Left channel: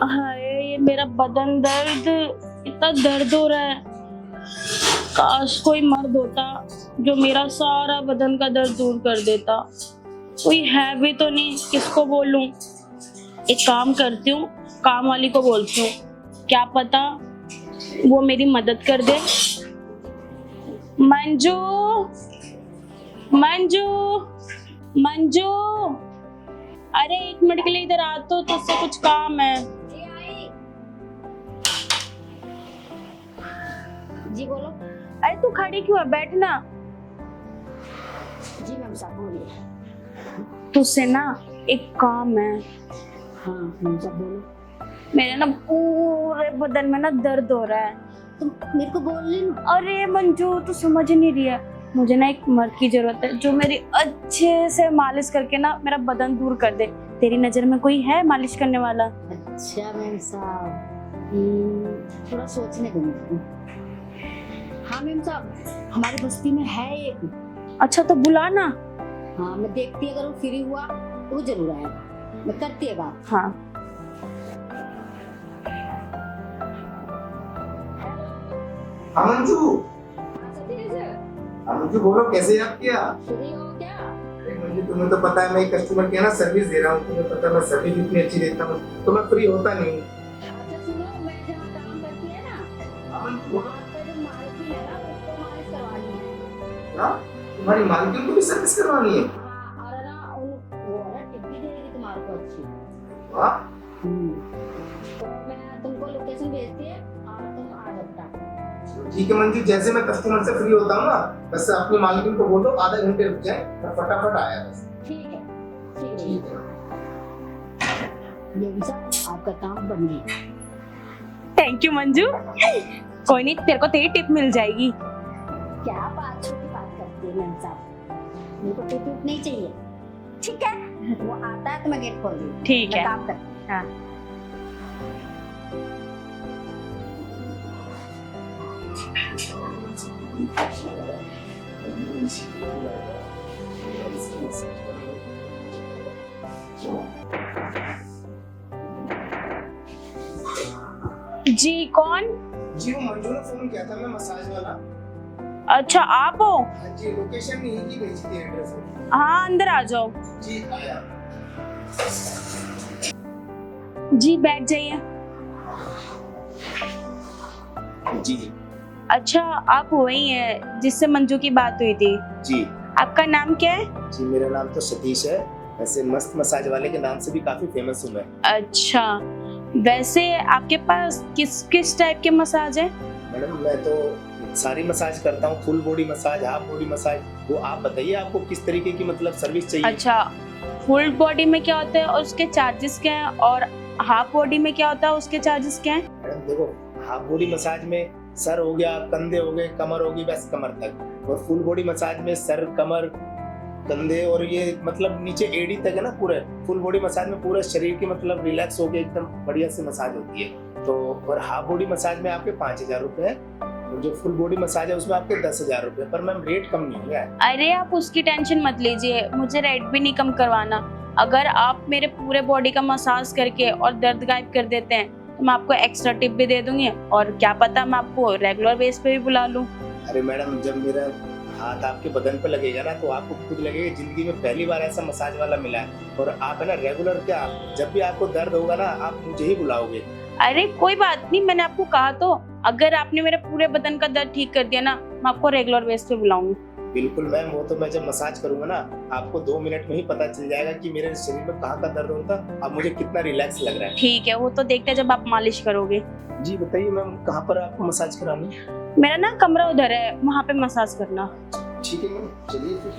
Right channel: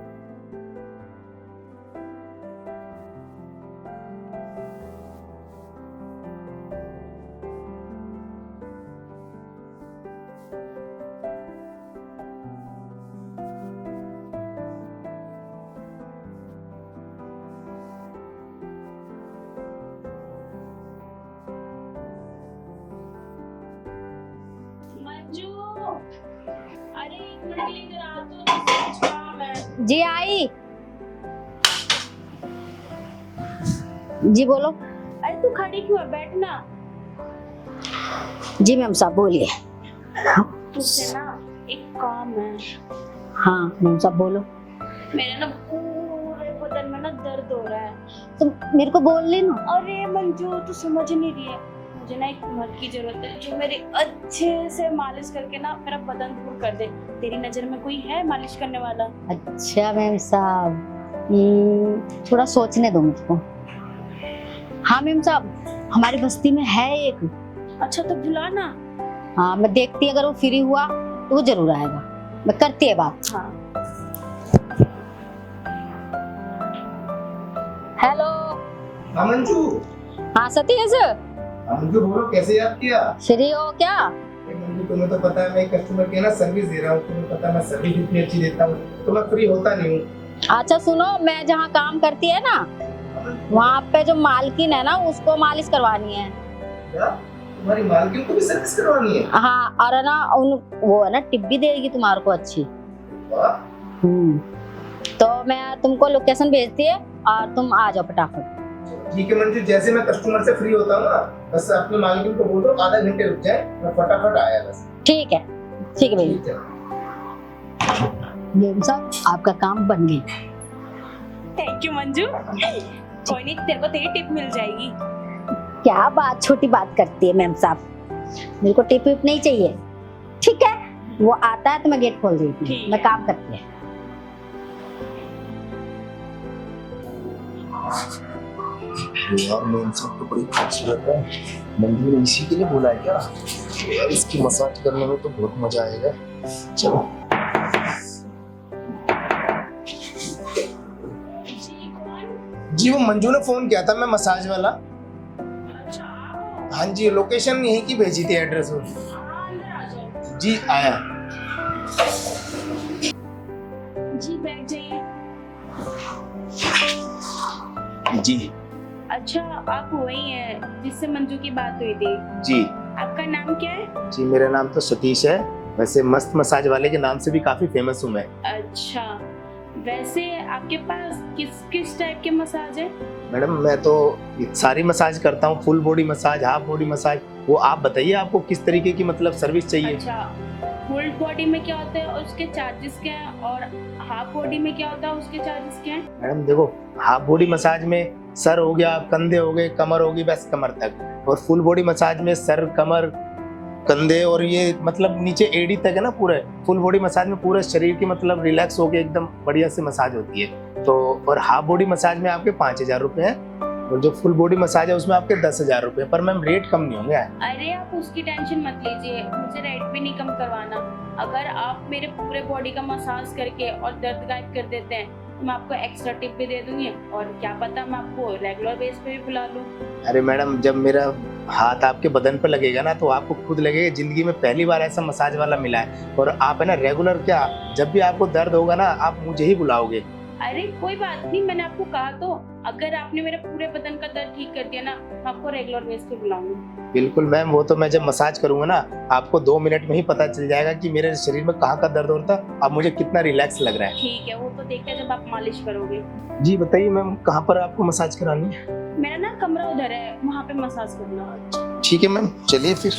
हाय, ये मेरा बदन दर्द, इतना दर्द हो रहा है। काश कोई मर्द होता जो मेरा सारा बदन का दर्द दूर कर देता। कोई है भी तो नहीं, किसको बोलूं। एक काम करती हूँ, काम वाली को बोलती हूँ, क्या पता वो मेरी मदद कर दे। मंजू, मंजू, मंजू, अरे 1 मिनट के लिए इधर आ तो, तुझसे कुछ काम है। जी आई। जी बोलो। अरे तू खड़ी क्यों है, बैठना। जी मैम साहब बोलिए। तुझसे ना एक काम है। हाँ मैम साहब बोलो। मेरे ना पूरे बदन में ना दर्द हो रहा है। तुम मेरे को बोल लेना। अरे मंजू, तू समझ नहीं रही है। मुझे ना एक मर्द की जरूरत है जो मेरी अच्छे से मालिश करके ना मेरा बदन दूर कर दे। तेरी नजर में कोई है मालिश करने वाला? अच्छा मैम साहब, थोड़ा सोचने दो मुझको। हाँ मैम साहब, हमारी बस्ती में है एक। अच्छा तो बुला ना। हाँ मैं देखती हूँ, अगर वो फ्री हुआ तो वो जरूर आएगा। मैं करती है बात। हाँ। हेलो। हाँ मंजू। हाँ सतीश, हाँ मंजू बोलो, कैसे याद किया? फ्री हो क्या? अरे मंजू, तुम्हें तो पता है मैं एक कस्टमर की ना सर्विस दे रहा हूँ। तुम्हें पता है मैं सर्विस इतनी अच्छी देता हूँ, तो मैं फ्री होता नहीं हूँ। अच्छा सुनो, मैं जहाँ काम करती है ना, हाँ मंजू। वहाँ पे जो मालकिन है ना, उसको मालिश करवानी है। क्या तुम्हारी मालकिन को भी सर्विस करवानी है? हाँ, और ना उन वो है ना, टिप भी देगी तुम्हारे को अच्छी। वाह। तो मैं तुमको लोकेशन भेजती है और तुम आ जाओ फटाफट। ठीक है मंजू, जैसे मैं कस्टमर से फ्री होता हूँ ना, बस अपनी मालकिन को बोल दो आधा घंटे रुक जाए, मैं फटाफट आया बस। ठीक है, ठीक है भैया। ठीक है। मैम साहब आपका काम बन गया। Thank you Manju. कोई नहीं, तेरे को तेरी टिप मिल जाएगी। क्या बात, छोटी बात करती है मैम साहब। मेरे को टिप विप नहीं चाहिए। ठीक है, वो आता है तो मैं गेट खोल देती हूँ। ठीक मैं है। काम करती है। हाँ। यार मेन सब तो बड़ी खूबसूरत है। मंजू ने इसी के लिए बोला है क्या? यार इसकी मसाज करने में तो बहुत मजा आएगा। चलो। जी कौन? जी वो मंजू ने फोन किया था, मैं मसाज वाला। अच्छा आप हो? हाँ जी, लोकेशन यहीं की भेजी थी, एड्रेस में। हाँ अंदर आ जाओ। जी आया। जी बैठ जाइए। जी अच्छा आप वही है जिससे मंजू की बात हुई थी? जी आपका नाम क्या है? जी, मेरा नाम तो सतीश है। वैसे मस्त मसाज वाले के नाम से भी काफी फेमस हूँ मैं। अच्छा, वैसे आपके पास किस किस टाइप के मसाज है? मैडम मैं तो सारी मसाज करता हूँ, full body massage, half body massage. वो आप बताइए आपको किस तरीके की मतलब सर्विस चाहिए? अच्छा, फुल बॉडी में क्या होता है और उसके चार्जेस क्या हैं, और हाफ बॉडी में क्या होता है उसके चार्जेस क्या हैं? मैडम देखो, हाफ बॉडी मसाज में सर हो गया, कंधे हो गए, कमर होगी, बस कमर तक। और फुल बॉडी मसाज में सर, कमर, कंधे और ये मतलब नीचे एड़ी तक है ना पूरे। फुल बॉडी मसाज में पूरे शरीर की मतलब रिलैक्स होके एकदम बढ़िया से मसाज होती है। तो और हाफ बॉडी मसाज में आपके 5,000 रुपए है, और जो फुल बॉडी मसाज है उसमें आपके 10,000 रुपए। पर मैम रेट कम नहीं होंगे। अरे आप उसकी टेंशन मत लीजिए, मुझे रेट भी नहीं कम करवाना। अगर आप मेरे पूरे बॉडी का मसाज करके और दर्द गायब कर देते हैं तो मैं आपको एक्स्ट्रा टिप भी दे दूंगी, और क्या पता मैं आपको रेगुलर बेस पे भी बुला लूं। अरे मैडम, जब मेरा हाथ आपके बदन पर लगेगा ना, तो आपको खुद लगेगा जिंदगी में पहली बार ऐसा मसाज वाला मिला है। और आप है ना रेगुलर क्या, जब भी आपको दर्द होगा ना आप मुझे ही बुलाओगे। अरे कोई बात नहीं, मैंने आपको कहा तो, अगर आपने मेरे पूरे बदन का दर्द ठीक कर दिया ना, मैं आपको रेगुलर बेस पे बुलाऊंगी। बिल्कुल मैम, वो तो मैं जब मसाज करूंगा ना, आपको 2 मिनट में ही पता चल जाएगा कि मेरे शरीर में कहाँ का दर्द होता है, अब मुझे कितना रिलैक्स लग रहा है। ठीक है, वो तो देखते हैं जब आप मालिश करोगे। जी बताइए मैम, कहाँ पर आपको मसाज करानी है? मेरा ना कमरा उधर है, वहाँ पे मसाज करना। ठीक है मैम, चलिए फिर।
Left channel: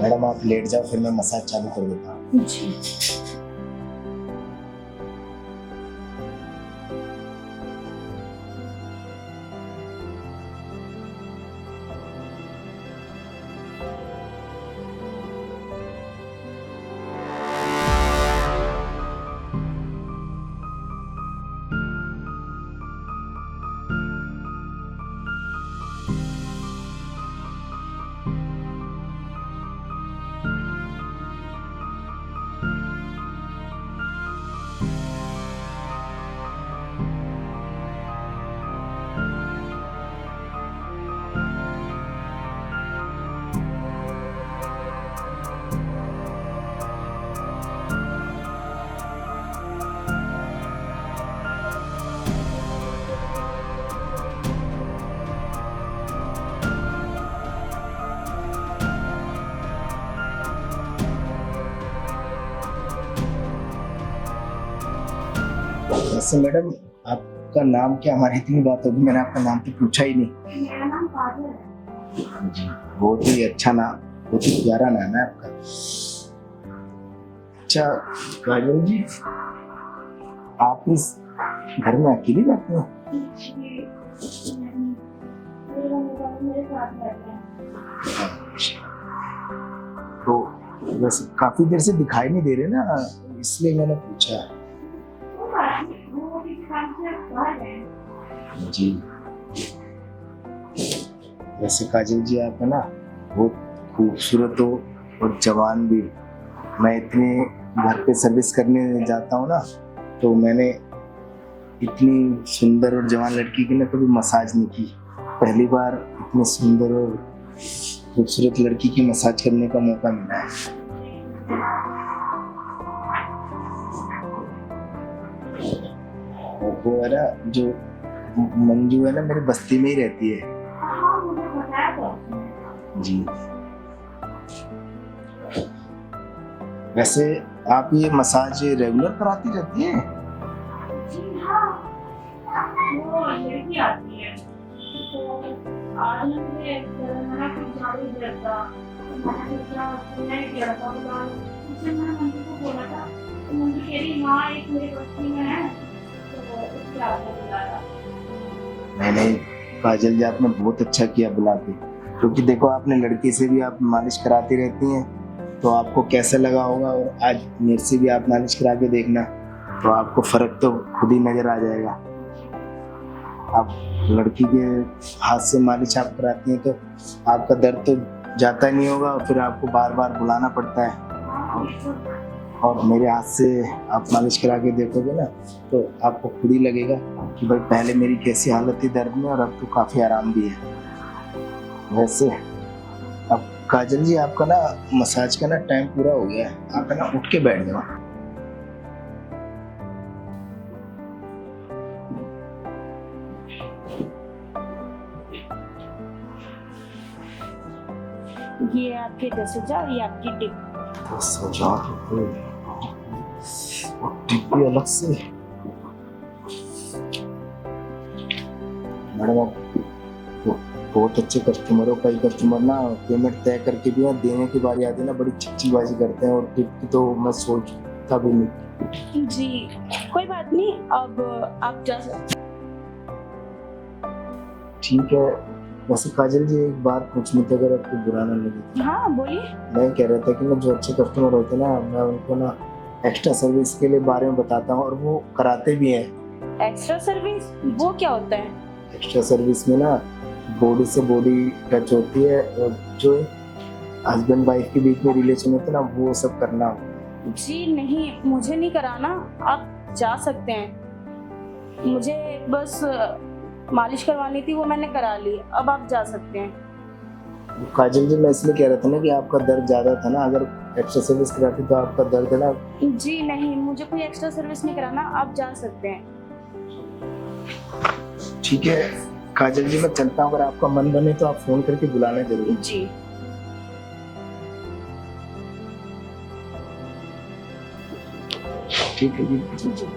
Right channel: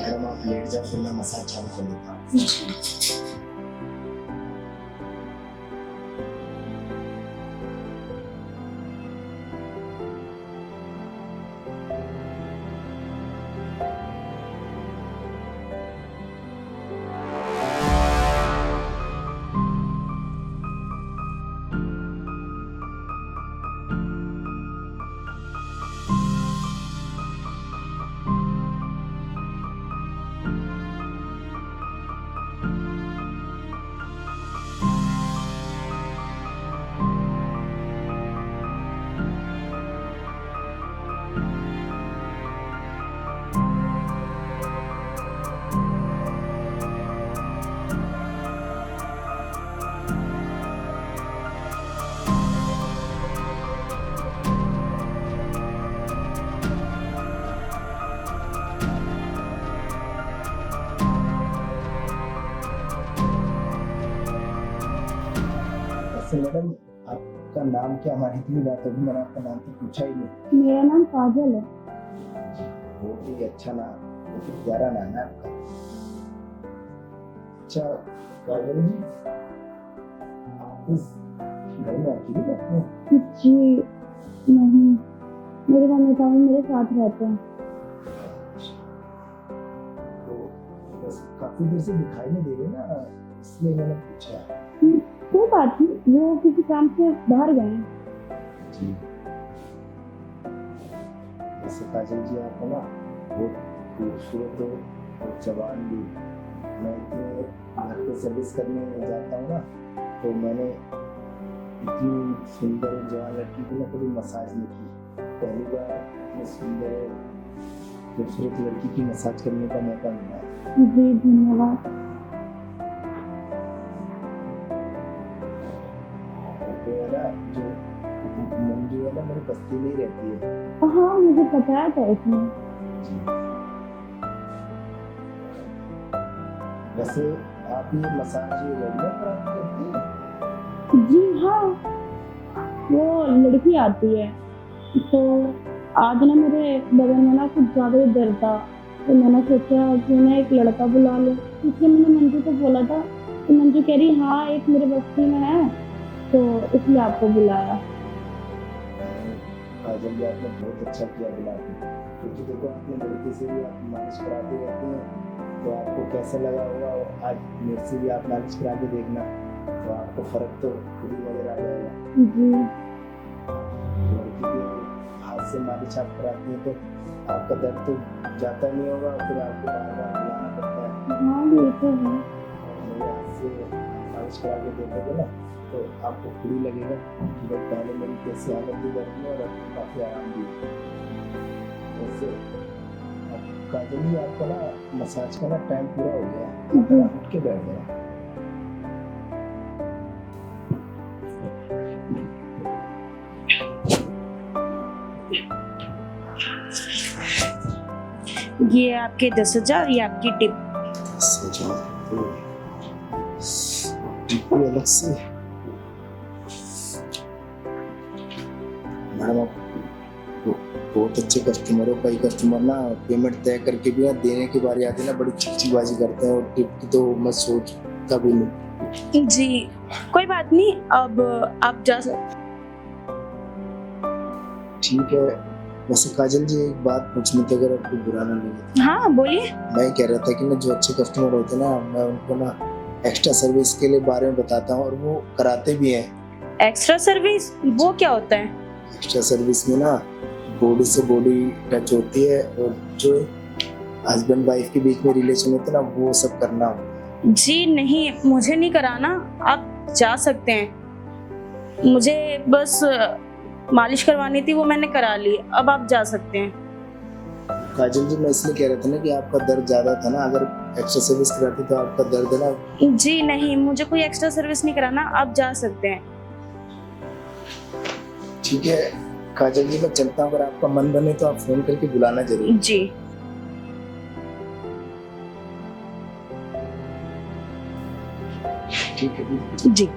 मैडम आप लेट जाओ, फिर मैं मसाज चालू कर देता हूँ। वैसे मैडम आपका नाम क्या, हमारी इतनी बात होगी मैंने आपका नाम तो पूछा ही नहीं। मेरा नाम काजल है। बहुत ही अच्छा नाम, बहुत ही प्यारा नाम है आपका। अच्छा काजल जी, आप इस घर में अकेली रहते हैं? जी नहीं, मेरे मम्मी पापा मेरे साथ रहते हैं। तो वैसे काफी देर से दिखाई नहीं दे रहे ना, इसलिए मैंने पूछा। कोई बात नहीं, वो किसी काम से बाहर गए हैं। जी वैसे काजल जी आप है ना बहुत खूबसूरत हो और जवान भी। मैं इतने घर पे सर्विस करने जाता हूँ ना, तो मैंने इतनी सुंदर और जवान लड़की की ना कभी मसाज नहीं की। पहली बार इतनी सुंदर और खूबसूरत लड़की की मसाज करने का मौका मिला है। जी धन्यवाद। वो है ना जो मंजू है ना, मेरी बस्ती में ही रहती है। हाँ मुझे बताया था उसने। जी वैसे आप ये मसाज रेगुलर कराती रहती हैं? जी हाँ, वो लड़की आती है तो आज ना मेरे बदन में ना कुछ ज्यादा ही दर्द था, तो मैंने सोचा कि मैं एक लड़का बुला लूं। इसलिए मैंने मंजू को बोला था, तो मंजू कह रही हाँ एक मेरे बस्ती में है, तो इसलिए आपको बुलाया। मैंने काजल जी आपने बहुत अच्छा किया बुला के, क्योंकि देखो आपने लड़की से भी आप मालिश कराती रहती हैं, तो आपको कैसा लगा होगा। और आज मेरे से भी आप मालिश करा के देखना, तो आपको फर्क तो खुद ही नजर आ जाएगा। जी आप लड़की के हाथ से मालिश आप कराती हैं तो आपका दर्द तो जाता नहीं होगा, और फिर आपको बार बार बुलाना पड़ता है। हाँ ये तो है। और मेरे हाथ से आप मालिश करा के देखोगे ना, तो आपको खुद ही लगेगा कि भाई पहले मेरी कैसी हालत थी दर्द में और अब तो काफ़ी आराम भी है। वैसे अब काजल जी आपका ना मसाज का ना टाइम पूरा हो गया है, आप ना उठ के बैठ जाओ। ये आपके 10,000, ये आपकी टिप। 10,000 रुपये और टिप भी अलग से। मैडम आप बहुत अच्छे कस्टमर हो। कई कस्टमर ना पेमेंट तय करके भी यहाँ देने की बारी आती है ना बड़ी चिकचिकबाजी करते हैं, और टिप की तो मैं सोचता भी नहीं। जी कोई बात नहीं, अब आप जा सकते। ठीक है। वैसे काजल जी एक बात पूछनी थी, अगर आपको बुरा ना लगे। हाँ बोलिए। मैं कह रहा था कि ना जो अच्छे कस्टमर होते हैं ना, मैं उनको ना एक्स्ट्रा सर्विस के लिए बारे में बताता हूँ और वो कराते भी हैं। एक्स्ट्रा सर्विस वो क्या होता है? एक्स्ट्रा सर्विस में ना बॉडी से बॉडी टच होती है, और जो हस्बैंड वाइफ के बीच में रिलेशन होता है ना, वो सब करना हो। जी नहीं, मुझे नहीं कराना, आप जा सकते हैं। मुझे बस मालिश करवानी थी, वो मैंने करा ली, अब आप जा सकते हैं। काजल जी मैं इसलिए कह रहा था ना कि आपका दर्द ज्यादा था ना, अगर एक्स्ट्रा सर्विस कराती तो आपका दर्द ना। जी नहीं, मुझे कोई एक्स्ट्रा सर्विस नहीं कराना, आप जा सकते हैं। ठीक है काजल जी मैं चलता हूँ, अगर आपका मन बने तो आप फोन करके बुलाना जरूर। जी ठीक है जी।